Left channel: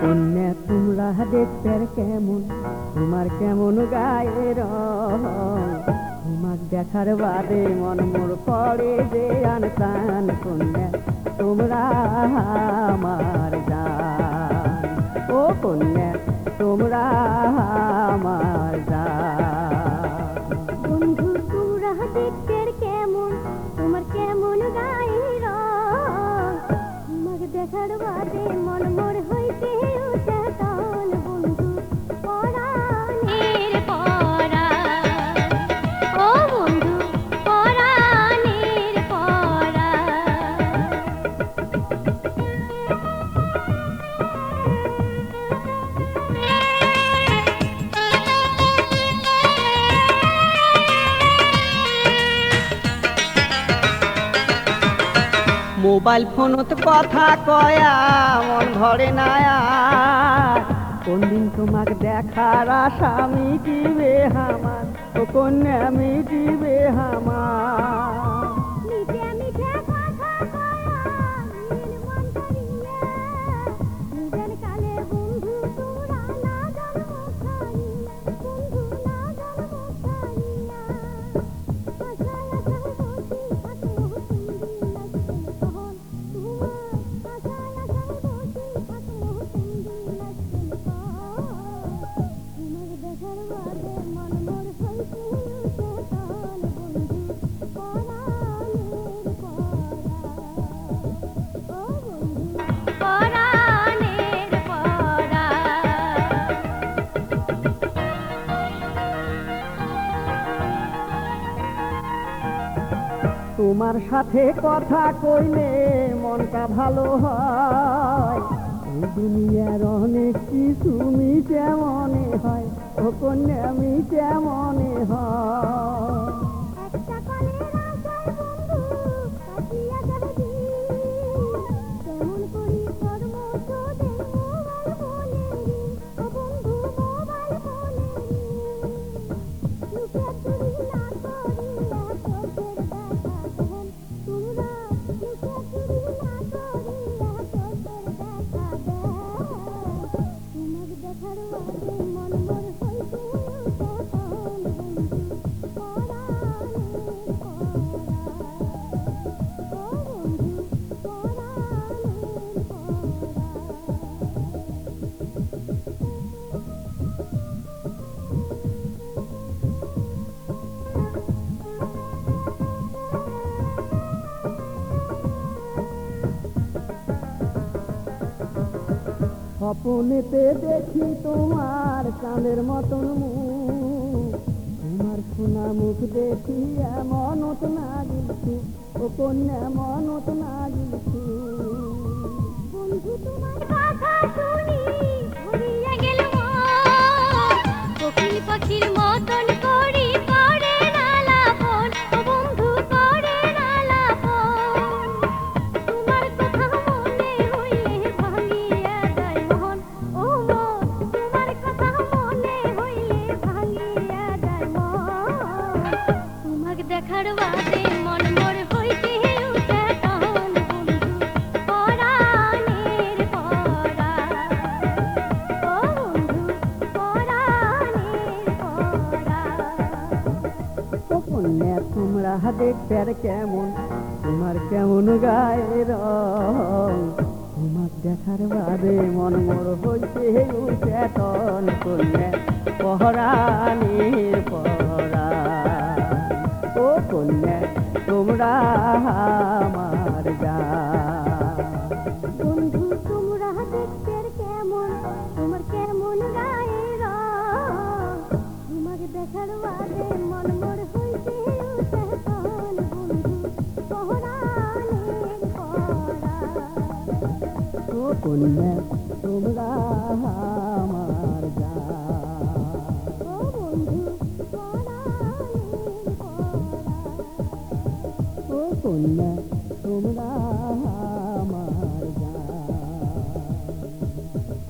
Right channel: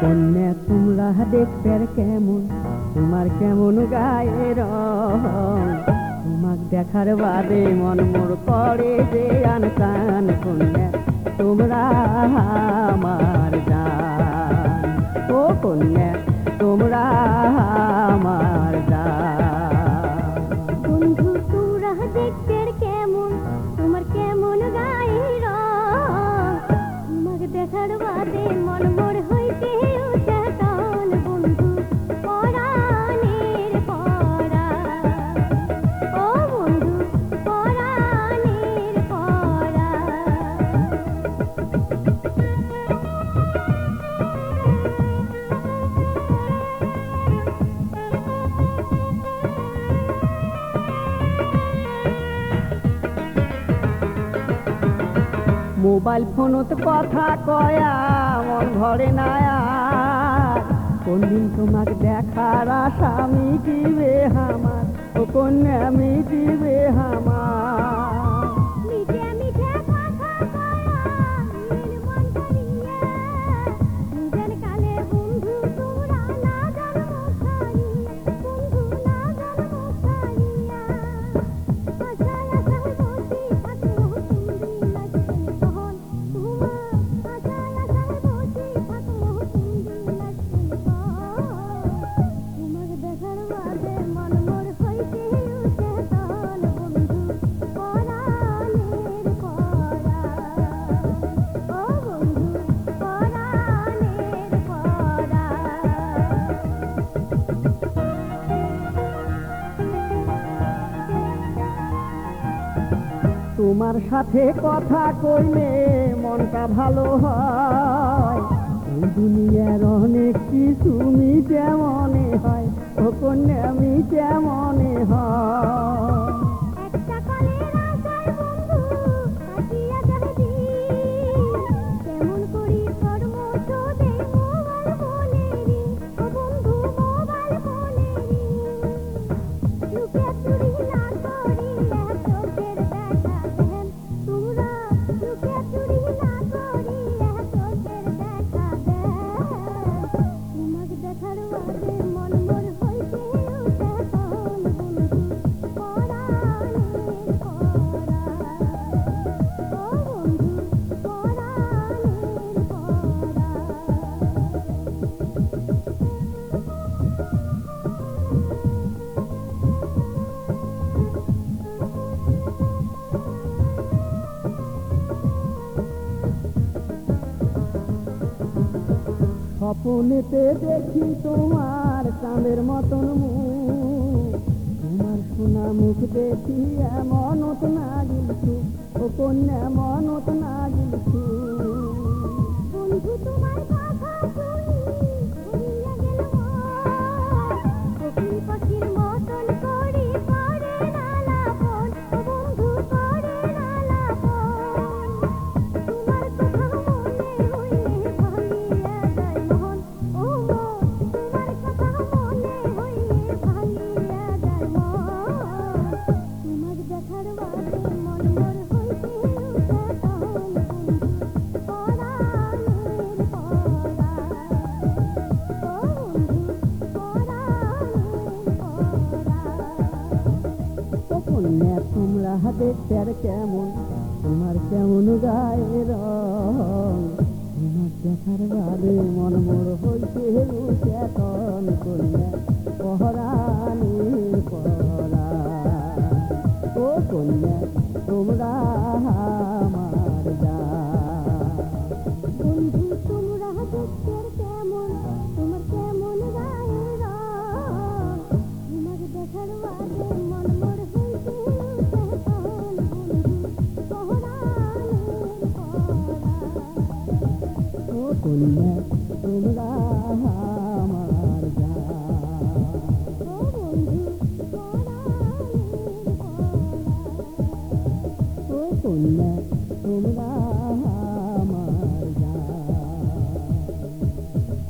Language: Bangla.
কন্যা তোমরা দেখতে কেমন, তোমার কেমন গায়ে রং, তোমাক দেখার বাদে মন মোর পড়ে যে আনসান। কন্যা তোমরা আমার জান, ও কন্যা তোমরা আমার জান। বন্ধু তোমরা দেখতে কেমন, তোমার কেমন গায়ে রং, তোমাকে দেখার বাদে মন মোর হইতে উঠে টান। বন্ধু পরাণের পরাণ, ও বন্ধু পরাণের পরাণ। মোবাইল ফোনত কথা কয়া মন ভরে না আর, কোন দিন তোমাক দেখার আশা মিটিবে আমার, ও কন্যা মিটিবে আমার। মিঠা মিঠা কথা কয়া মন ভরিয়া, নিজের কালে বন্ধু তোমরা না জানো ছাড়িয়া, বন্ধু না জানো ছাড়িয়া। আশায় আশায় বসি থাকো তুমি লাগছেন কখন তোমার, আশায় আশায় বসি থাকো তুমি লাগছেন কখন। তোমাকে দেখার বাদে মন মোর হইতে উঠে টান। বন্ধু পরাণের পরাণ, ও বন্ধু পরাণের পরাণ। তোমার সাথে কথা কইলে মনটা ভালো হয়, এই দুনিয়ার অনেক কিছু মিটে মনে হয়, ও কন্যা মিটে মনে হয়। একটা কলের আশায় বন্ধু কাটিয়া যাবে দিন, কেমন করি কর্ম তোদের মোবাইল ফোনেরই, ও বন্ধু মোবাইল ফোনেরই। লুকে চুরি না করিয়া চোখের দেখা দেন তোমরা, লুকে চুরি না করিয়া চোখের দেখা দেন। তোমাকে দেখার বাদে মন মোর হইতে উঠে টান। বন্ধু পরাণের পরাণ, ও বন্ধু পরাণের স্বপ্নেতে দেখি তোমার চাঁদের মতন মুখ, তোমার সোনা মুখ দেখি মনত না গিলছু, ও কন্যা মনত না গিলছু। বন্ধু তোমার কথা শুনি ভরিয়া গেল মন, কোকিল পাখির মতন করি করে না লাপন, ও বন্ধু করে না লাপন। তোমার কথা মনে হইলে ভাঙিয়া যায় মন, ও মন তোমার কথা মনে হইলে ভাঙিয়া যায় মন। তোমাকে দেখার বাদে মন মোর হইতে উঠে টান। বন্ধু পরাণের পরাণ, ও বন্ধু পরাণের পরাণ। ও কন্যা তোমরা দেখতে কেমন, তোমার কেমন গায়ে রং, তোমার দেখার বাদে মন মোর হইতে উঠে টন। কন্যা পরাণের পরাণ, ও কন্যা তোমরা আমার জান। বন্ধু তোমরা দেখতে কেমন, তোমার কেমন গায়ে রং, তোমাকে দেখার বাদে মন মোর হইতে উঠে টান। বন্ধু পরাণের পরাণ, ও কন্যা তোমরা আমার জান। ও বন্ধু পরাণের পরাণ। ও কন্যা